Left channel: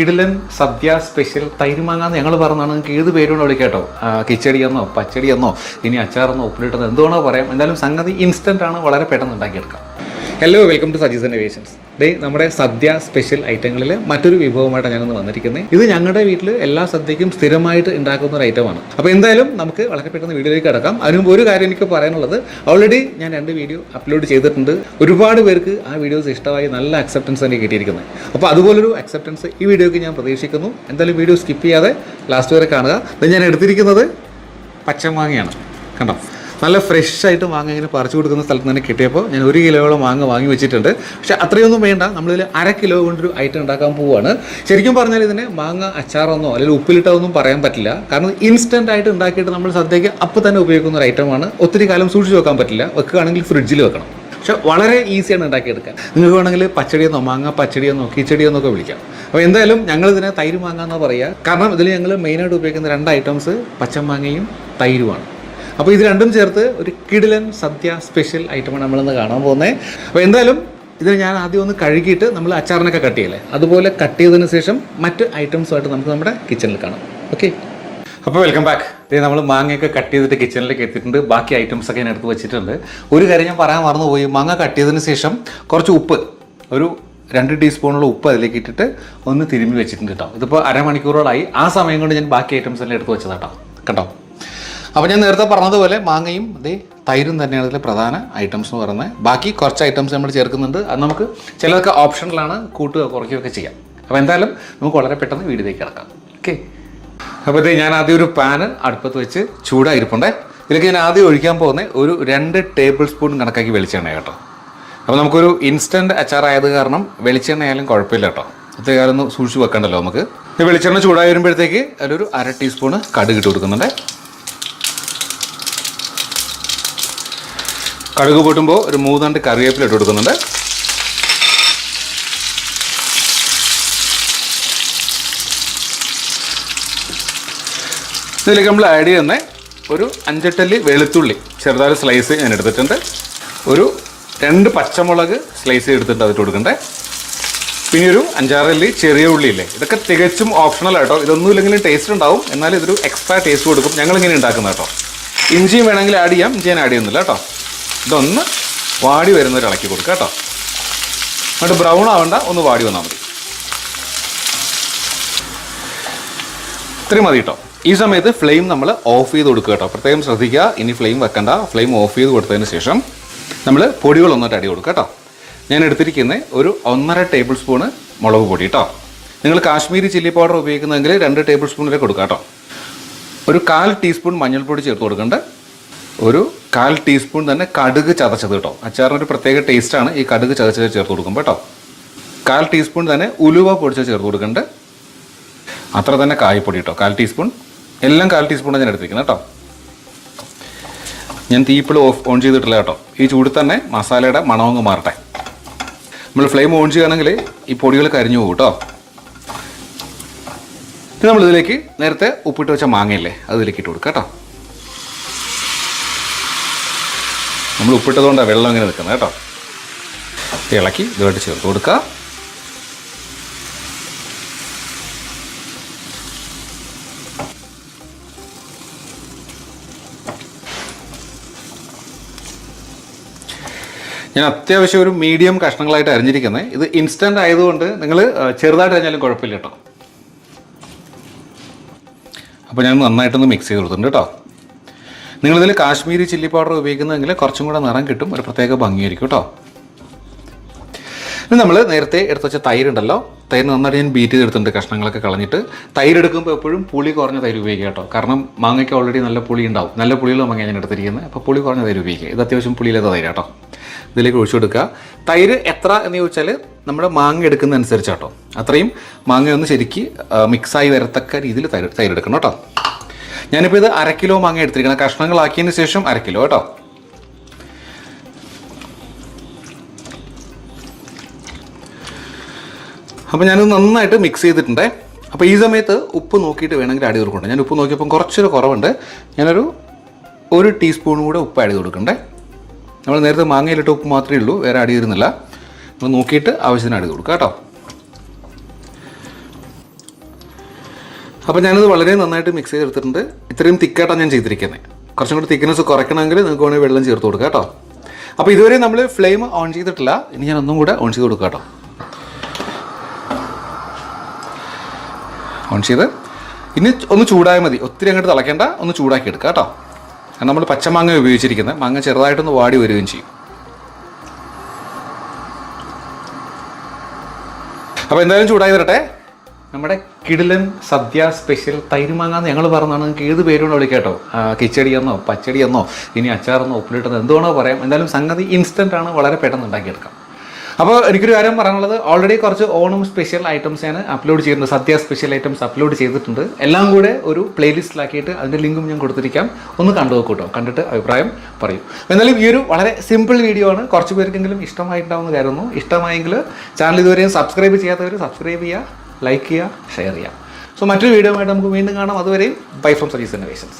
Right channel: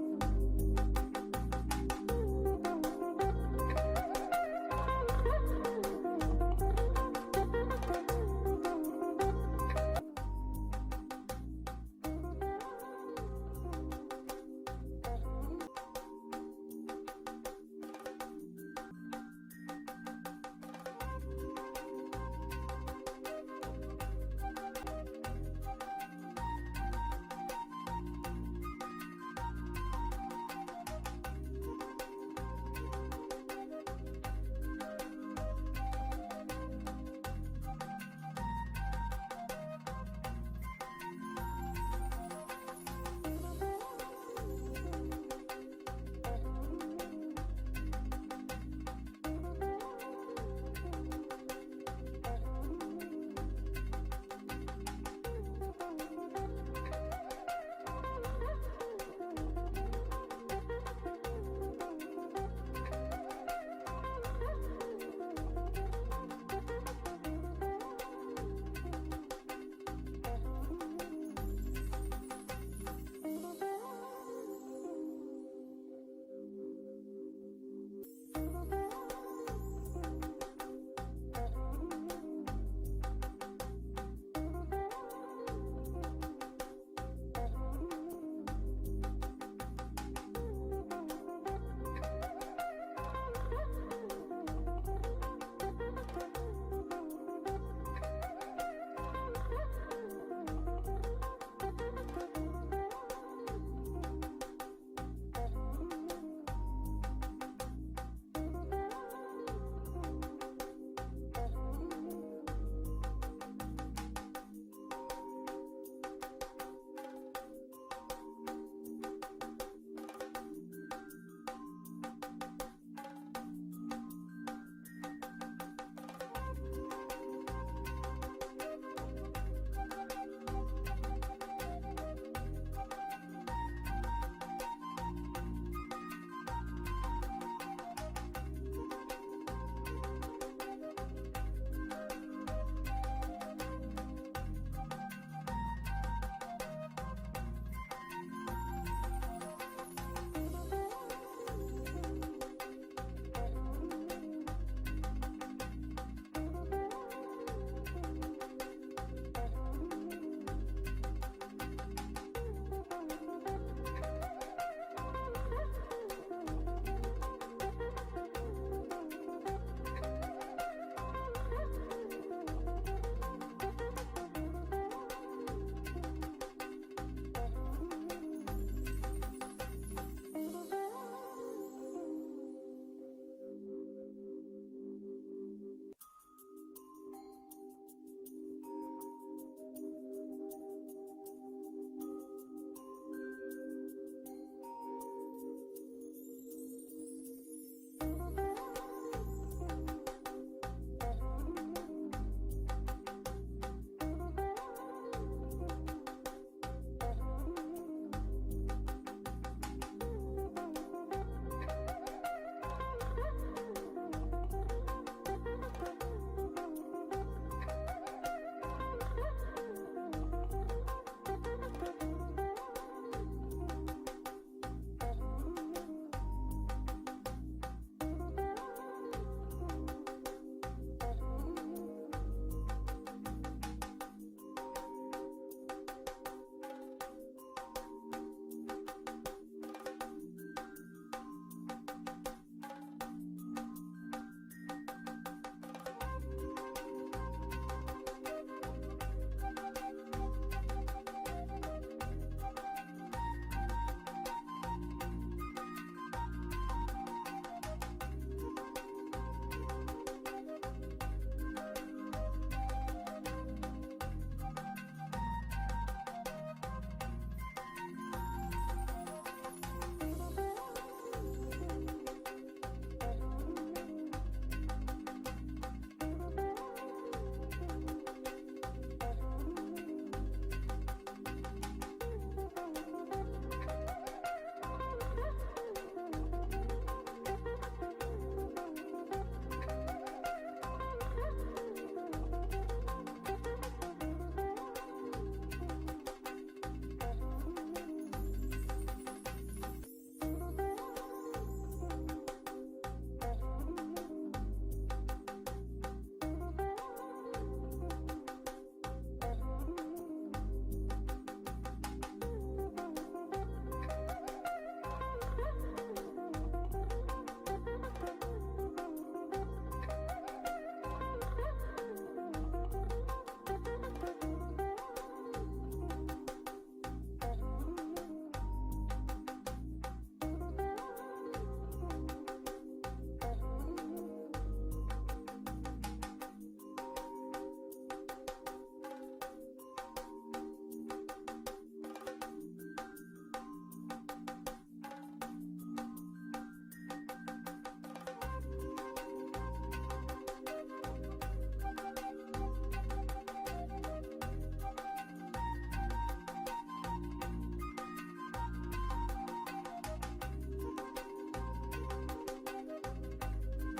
കിടിലൻ സദ്യ സ്പെഷ്യൽ തൈരുമാങ്ങാന്ന് ഞങ്ങൾ പറഞ്ഞാണ്. നിങ്ങൾക്ക് ഏത് പേരുകൊണ്ട് വിളിക്കാട്ടോ? കിച്ചടിയെന്നോ പച്ചടിയെന്നോ ഇനി അച്ചാറെന്നോ ഉപ്പിലിട്ടെന്നോ എന്തുവേണോ പറയാം. എന്തായാലും സംഗതി ഇൻസ്റ്റന്റ് ആണ്. വളരെ പെട്ടെന്ന് ഉണ്ടാക്കിയെടുക്കാം. Hello welcome to Saji's innovations day നമ്മുടെ സദ്യ സ്പെഷ്യൽ ഐറ്റങ്ങളിൽ മറ്റൊരു വിഭവമായിട്ടാണ് ഞാനൊന്ന് വന്നിരിക്കുന്നത് ഇത് ഞങ്ങളുടെ വീട്ടിൽ എല്ലാ സദ്യക്കും സ്ഥിരമായിട്ട് ഉണ്ടാക്കുന്ന ഒരു ഐറ്റമാണ് അപ്പോൾ എന്തായാലും നമുക്ക് വളരെ പെട്ടെന്ന് വീഡിയോയിലേക്ക് കിടക്കാം. അതിന് ഒരു കാര്യം എനിക്ക് പറയാനുള്ളത്. ഓൾറെഡി ഞാൻ രണ്ട് വീഡിയോ അപ്ലോഡ് ചെയ്തിട്ടുണ്ട്. ഒരുപാട് പേർക്ക് ആ വീഡിയോസ് ഇഷ്ടമായി നല്ല അക്സെപ്റ്റൻസ് തന്നെ കിട്ടിയിരിക്കുന്നത് അപ്പോൾ അതുപോലൊരു അക്സെപ്റ്റൻസ് ഈ വീഡിയോയ്ക്ക് ഞാൻ പ്രതീക്ഷിക്കുന്നു. എന്തായാലും വീഡിയോ സ്കിപ്പ് ചെയ്യാതെ ലാസ്റ്റ് വരെ കാണുക. ഇത് ഞാൻ എടുത്തിരിക്കുന്നത് പച്ചമാങ്ങയാണ്. കണ്ടോ? നല്ല ഫ്രഷ് ആയിട്ട് മാങ്ങ ഇങ്ങനെ പറിച്ചു കൊടുക്കുന്ന സ്ഥലത്ത് തന്നെ കിട്ടിയപ്പോൾ ഞാൻ ഒരു കിലോയോളം മാങ്ങ വാങ്ങി വെച്ചിട്ടുണ്ട്. പക്ഷെ അത്രയൊന്നും വേണ്ട. നമ്മളിതിൽ അര കിലോ കൊണ്ടൊരു ഐറ്റം ഉണ്ടാക്കാൻ പോവുകയാണ് ശരിക്കും പറഞ്ഞാൽ ഇതിനെ മാങ്ങ അച്ചാറെന്നോ അല്ലെങ്കിൽ ഉപ്പിലിട്ടതൊന്നും പറയാൻ പറ്റില്ല. കാരണം ഇൻസ്റ്റന്റ് ആയിട്ട് ഉണ്ടാക്കിയിട്ട് നമ്മൾ സദ്യയ്ക്ക് അപ്പോൾ തന്നെ ഉപയോഗിക്കുന്ന ഒരു ഐറ്റമാണ് ഒത്തിരി കാലം സൂക്ഷിച്ച് വെക്കാൻ പറ്റില്ല. വെക്കുകയാണെങ്കിൽ ഫ്രിഡ്ജിൽ വെക്കണം. പക്ഷെ വളരെ ഈസിയാണ് ഉണ്ടാക്കിയെടുക്കാൻ. നിങ്ങൾക്ക് വേണമെങ്കിൽ പച്ചടിയെന്നോ മാങ്ങ പച്ചടിയെന്നോ കിച്ചടിയെന്നോ ഒക്കെ വിളിക്കാം. അപ്പോൾ എന്തായാലും ഞങ്ങൾ ഞങ്ങളിതിനെ തൈര് മാങ്ങ എന്നാണ് പറയുക. കാരണം ഇതിൽ ഞങ്ങൾ മെയിനായിട്ട് ഉപയോഗിക്കുന്ന രണ്ട് ഐറ്റംസ് പച്ചമാങ്ങയും തൈരുമാണ് അപ്പോൾ ഇത് രണ്ടും ചേർത്ത് ഒരു കിടിലൻ സദ്യ സ്പെഷ്യൽ ഐറ്റമാണ് നമ്മളിന്ന് കാണാൻ പോകുന്നത് അപ്പോൾ എന്തായാലും ഇതിന് ഞാൻ ആദ്യം ഒന്ന് കഴുകിയിട്ട് നമ്മൾ അച്ചാറിനൊക്കെ കട്ട് ചെയ്യല്ലേ? അതുപോലെ കട്ട് ചെയ്തതിന് ശേഷം മറ്റ് ഐറ്റംസുമായിട്ട് നമുക്ക് നമ്മുടെ കിച്ചണിൽ കാണാം. ഓക്കെ അപ്പോൾ വെൽക്കം ബാക്ക് ഇതേ നമ്മൾ മാങ്ങയൊക്കെ കട്ട് ചെയ്തിട്ട് കിച്ചണിലേക്ക് എത്തിയിട്ടുണ്ട്. ബാക്കി ഐറ്റംസ് ഒക്കെ ഞാൻ എടുത്ത് വെച്ചിട്ടുണ്ട്. ഒരു കാര്യം ഞാൻ പറയാൻ മറന്നുപോയി. മാങ്ങ കട്ട് ചെയ്തതിന് ശേഷം കുറച്ച് ഉപ്പ് ഒരു രണ്ട് ടീസ്പൂണുള്ള ഉപ്പ് അതിലേക്ക് ഇട്ടിട്ട് ഒന്ന് തിരുമ്മി വെച്ചിട്ടുണ്ട് കേട്ടോ ഇതിപ്പോൾ അരമണിക്കൂറോളായി. ആ സമയം കൊണ്ട് ഞാൻ ബാക്കി ഐറ്റംസ് എല്ലാം എടുത്ത് വെച്ചതാട്ടോ കേട്ടോ അപ്പോൾ ഞാൻ നേരത്തെ പറഞ്ഞതുപോലെ മാങ്ങയും അതേ തൈരും തന്നെയാണ് ഇതിലെ പ്രധാന ഐറ്റംസ് എന്ന് പറയുന്നത്. ബാക്കി കുറച്ച് ഐറ്റംസ് നമ്മൾ ചേർക്കുന്നുണ്ട്. അത് നമുക്ക് ചിലതൊക്കെ ഓപ്ഷനിലാണ് കൂട്ടുക കുറയ്ക്കുകയൊക്കെ ചെയ്യാം. അപ്പോൾ എന്തായാലും നമുക്ക് വളരെ പെട്ടെന്ന് വീടിലേക്ക് കിടക്കാം. ഓക്കെ അപ്പോൾ ഇത് ഞാൻ ആദ്യം ഒരു പാന് അടുപ്പത്ത് വെച്ച് ചൂടായിരിപ്പുണ്ടേ. ഇതിലേക്ക് ഞാൻ ആദ്യം ഒഴിക്കാൻ പോകുന്നത് ഒരു രണ്ട് ടേബിൾ സ്പൂൺ കണക്കാക്കി വെളിച്ചെണ്ണ കേട്ടോ. അപ്പോൾ നമുക്കൊരു ഇൻസ്റ്റന്റ് അച്ചാറായത് കാരണം വെളിച്ചെണ്ണ ആയാലും കുഴപ്പമില്ല കേട്ടോ. അത്ര കാലം ഒന്ന് സൂക്ഷിച്ച് വെക്കണ്ടല്ലോ നമുക്ക്. വെളിച്ചെണ്ണ ചൂടായി വരുമ്പോഴത്തേക്ക് അതിലൊരു അര ടീസ്പൂണ് കടുക് ഇട്ട് കൊടുക്കുന്നുണ്ട്. കടുക് പൊട്ടുമ്പോൾ ഒരു മൂന്നാണ്ട് കറിവേപ്പില ഇട്ട് കൊടുക്കുന്നുണ്ട്. ഇതിലേക്ക് നമ്മൾ ആഡ് ചെയ്യുന്ന ഒരു അഞ്ചെട്ടല്ലി വെളുത്തുള്ളി ചെറുതായ സ്ലൈസ് ഞാൻ എടുത്തിട്ടുണ്ട്. ഒരു രണ്ട് പച്ചമുളക് സ്ലൈസ് എടുത്തിട്ട് അതിട്ട് കൊടുക്കണ്ടേ. പിന്നെ ഒരു അഞ്ചാറല്ലി ചെറിയ ഉള്ളിയില്ലേ ഇതൊക്കെ തികച്ചും ഓപ്ഷണൽ ആട്ടോ. ഇതൊന്നും ഇല്ലെങ്കിലും ടേസ്റ്റ് ഉണ്ടാവും. എന്നാലും ഇതൊരു എക്സ്ട്രാ ടേസ്റ്റ് കൊടുക്കും. ഞങ്ങളിങ്ങനെ ഉണ്ടാക്കുന്ന കേട്ടോ. ഇഞ്ചിയും വേണമെങ്കിൽ ആഡ് ചെയ്യാം. ഇഞ്ചി ഞാൻ ആഡ് ചെയ്യുന്നില്ല കേട്ടോ. ഇതൊന്ന് വാടി വരുന്നവർ ഇളക്കി കൊടുക്കുക കേട്ടോ. എന്നിട്ട് ബ്രൗൺ ആവണ്ട ഒന്ന് വാടി വന്നാൽ മതി. ഇത്രയും മതി കേട്ടോ. ഈ സമയത്ത് ഫ്ലെയിം നമ്മൾ ഓഫ് ചെയ്ത് കൊടുക്കുക കേട്ടോ. പ്രത്യേകം ശ്രദ്ധിക്കുക ഇനി ഫ്ലെയിം വെക്കണ്ട. ഫ്ലെയിം ഓഫ് ചെയ്ത് കൊടുത്തതിന് ശേഷം നമ്മൾ പൊടികൾ ഒന്നിട്ട് അടി കൊടുക്കുക കേട്ടോ. ഞാൻ എടുത്തിരിക്കുന്നത് ഒരു ഒന്നര ടേബിൾ സ്പൂണ് മുളക് പൊടി കേട്ടോ. നിങ്ങൾ കാശ്മീരി ചില്ലി പൗഡർ ഉപയോഗിക്കുന്നതെങ്കിൽ രണ്ട് ടേബിൾ സ്പൂൺ വരെ കൊടുക്കുക കേട്ടോ. ഒരു കാൽ ടീസ്പൂൺ മഞ്ഞൾപ്പൊടി ചേർത്ത് കൊടുക്കേണ്ട. ഒരു കാൽ ടീസ്പൂൺ തന്നെ കടുക് ചതച്ചത് കേട്ടോ. അച്ചാറിനൊരു പ്രത്യേക ടേസ്റ്റാണ് ഈ കടുക് ചതച്ചത് ചേർത്ത് കൊടുക്കുമ്പോൾ കേട്ടോ. കാൽ ടീസ്പൂൺ തന്നെ ഉലുവ പൊടിച്ചത് ചേർത്ത് കൊടുക്കേണ്ടത് അത്ര തന്നെ കായപ്പൊടി കേട്ടോ. കാൽ ടീസ്പൂൺ. എല്ലാം കാൽ ടീസ്പൂണാണ് ഞാൻ എടുത്തിരിക്കുന്നത് കേട്ടോ. ഞാൻ തീപ്പിൾ ഓഫ് ഓൺ ചെയ്തിട്ടില്ല കേട്ടോ. ഈ ചൂട് തന്നെ മസാലയുടെ മണമങ്ങ് മാറട്ടെ. നമ്മൾ ഫ്ലെയിം ഓൺ ചെയ്യുകയാണെങ്കിൽ ഈ പൊടികൾ കരിഞ്ഞു പോകും കേട്ടോ. ഇനി നമ്മളിതിലേക്ക് നേരത്തെ ഉപ്പിട്ട് വെച്ച മാങ്ങയില്ലേ അതിലേക്ക് ഇട്ട് കൊടുക്കാം കേട്ടോ. നമ്മൾ ഉപ്പിട്ടതുകൊണ്ടാണ് വെള്ളം ഇങ്ങനെ നിൽക്കുന്നത് കേട്ടോ. ഇളക്കി ഇതുമായിട്ട് ചേർത്ത് കൊടുക്കുക. ഞാൻ അത്യാവശ്യം ഒരു മീഡിയം കഷ്ണങ്ങളായിട്ട് അരിഞ്ഞിരിക്കുന്നത് ഇത് ഇൻസ്റ്റന്റ് ആയതുകൊണ്ട് നിങ്ങൾ ചെറുതായിട്ട് അരിഞ്ഞാലും കുഴപ്പമില്ല കേട്ടോ. അപ്പോൾ ഞാൻ നന്നായിട്ടൊന്ന് മിക്സ് ചെയ്ത് കൊടുത്തിട്ടുണ്ട് കേട്ടോ. നിങ്ങളിതിൽ കാശ്മീരി ചില്ലി പൗഡർ ഉപയോഗിക്കുന്നതെങ്കിൽ കുറച്ചും കൂടെ നിറം കിട്ടും. ഒരു പ്രത്യേക ഭംഗിയായിരിക്കും കേട്ടോ. ഇനി നമ്മൾ നേരത്തെ എടുത്ത് വെച്ച തൈരുണ്ടല്ലോ. തൈര് നന്നായിട്ട് ഞാൻ ബീറ്റ് ചെയ്തെടുത്തിട്ടുണ്ട് കഷ്ണങ്ങളൊക്കെ കളഞ്ഞിട്ട്. തൈര് എടുക്കുമ്പോൾ എപ്പോഴും പുളി കുറഞ്ഞ തൈര് ഉപയോഗിക്കുക കേട്ടോ. കാരണം മാങ്ങയ്ക്ക് ഓൾറെഡി നല്ല പുളി ഉണ്ടാവും. നല്ല പുളിയുള്ള മാങ്ങ ഞാൻ എടുത്തിരിക്കുന്നത്. അപ്പോൾ പുളി കുറഞ്ഞ തൈര് ഉപയോഗിക്കുക. ഇത് അത്യാവശ്യം പുളിയില്ലാത്ത തൈര് കേട്ടോ. ഇതിലേക്ക് ഒഴിച്ചു കൊടുക്കുക. തൈര് എത്ര എന്ന് ചോദിച്ചാൽ നമ്മുടെ മാങ്ങ എടുക്കുന്ന അനുസരിച്ചാട്ടോ അത്രയും മാങ്ങയൊന്ന് ശരിക്ക് മിക്സായി വരത്തക്ക രീതിയിൽ തൈര് തൈര് എടുക്കണം കേട്ടോ. ഞാനിപ്പോൾ ഇത് അര കിലോ മാങ്ങ എടുത്തിരിക്കണം കഷ്ണങ്ങളാക്കിയതിന് ശേഷം അര കിലോ കേട്ടോ. അപ്പോൾ ഞാനത് നന്നായിട്ട് മിക്സ് ചെയ്തിട്ടുണ്ട്. അപ്പോൾ ഈ സമയത്ത് ഉപ്പ് നോക്കിയിട്ട് വേണമെങ്കിൽ ആഡ് കൊടുക്കണ്ട. ഞാൻ ഉപ്പ് നോക്കിയപ്പോൾ കുറച്ചൊരു കുറവുണ്ട്. ഞാനൊരു ഒരു ടീസ്പൂൺ കൂടെ ഉപ്പ് ആഡ് കൊടുക്കണ്ടേ. നമ്മൾ നേരത്തെ മാങ്ങയിലിട്ട് ഉപ്പ് മാത്രമേ ഉള്ളൂ. വേറെ ആഡ് ചെയ്തിരുന്നില്ല. നമ്മൾ നോക്കിയിട്ട് ആവശ്യത്തിന് ആഡ് ചെയ്ത് കൊടുക്കുക കേട്ടോ. അപ്പോൾ ഞാനത് വളരെ നന്നായിട്ട് മിക്സ് ചെയ്തെടുത്തിട്ടുണ്ട്. ഇത്രയും തിക്കായിട്ടാണ് ഞാൻ ചെയ്തിരിക്കുന്നത് കുറച്ചും കൂടി തിക്നെസ് കുറയ്ക്കണമെങ്കിൽ നിങ്ങൾക്ക് വേണമെങ്കിൽ വെള്ളം ചേർത്ത് കൊടുക്കുക കേട്ടോ. അപ്പോൾ ഇതുവരെ നമ്മൾ ഫ്ലെയിം ഓൺ ചെയ്തിട്ടില്ല. ഇനി ഞാൻ ഒന്നും കൂടെ ഓൺ ചെയ്ത് കൊടുക്കുക കേട്ടോ. ഓൺ ചെയ്ത്. ഇനി ഒന്ന് ചൂടായാൽ മതി. ഒത്തിരി അങ്ങോട്ട് തിളയ്ക്കേണ്ട. ഒന്ന് ചൂടാക്കി എടുക്കുക കേട്ടോ. കാരണം നമ്മൾ പച്ചമാങ്ങ ഉപയോഗിച്ചിരിക്കുന്നത് മാങ്ങ ചെറുതായിട്ടൊന്ന് വാടി വരികയും ചെയ്യും. അപ്പോൾ എന്തായാലും ചൂടായി തരട്ടെ നമ്മുടെ കിടിലൻ സദ്യ സ്പെഷ്യൽ തൈരുമാങ്ങ എന്ന് ഞങ്ങൾ പറഞ്ഞാണ്. നിങ്ങൾക്ക് ഏത് പേരുകൊണ്ട് വിളിക്കാട്ടോ? കിച്ചടി എന്നോ പച്ചടി എന്നോ ഇനി അച്ചാറെന്നോ ഉപ്പിലിട്ടെന്നോ എന്തുവേണോ പറയാം. എന്തായാലും സംഗതി ഇൻസ്റ്റന്റ് ആണ്. വളരെ പെട്ടെന്ന് ഉണ്ടാക്കിയെടുക്കാം. അപ്പോൾ എനിക്കൊരു കാര്യം പറയാനുള്ളത്. ഓൾറെഡി കുറച്ച് ഓണം സ്പെഷ്യൽ ഐറ്റംസ് ഞാൻ അപ്ലോഡ് ചെയ്തിട്ടുണ്ട്. സദ്യ സ്പെഷ്യൽ ഐറ്റംസ് അപ്ലോഡ് ചെയ്തിട്ടുണ്ട്. എല്ലാം കൂടെ ഒരു പ്ലേലിസ്റ്റിലാക്കിയിട്ട് അതിന്റെ ലിങ്കും ഞാൻ കൊടുത്തിരിക്കാം. ഒന്ന് കണ്ടു നോക്കൂട്ടോ കണ്ടിട്ട് അഭിപ്രായം പറയും. എന്നാലും ഈ ഒരു വളരെ സിമ്പിൾ വീഡിയോ ആണ്. കുറച്ച് പേർക്കെങ്കിലും ഇഷ്ടമായിട്ടുണ്ടാവുമെന്ന് കരുതുന്നു. ഇഷ്ടമായെങ്കിൽ ചാനൽ ഇതുവരെയും സബ്സ്ക്രൈബ് ചെയ്യാത്തവർ സബ്സ്ക്രൈബ് ചെയ്യുക. ലൈക്ക് ചെയ്യുക ഷെയർ ചെയ്യുക. സോ മറ്റൊരു വീഡിയോ ആയിട്ട് നമുക്ക് വീണ്ടും കാണാം. അതുവരെയും ബൈ ഫ്രം സജീസ് ഇന്നോവേഷൻസ്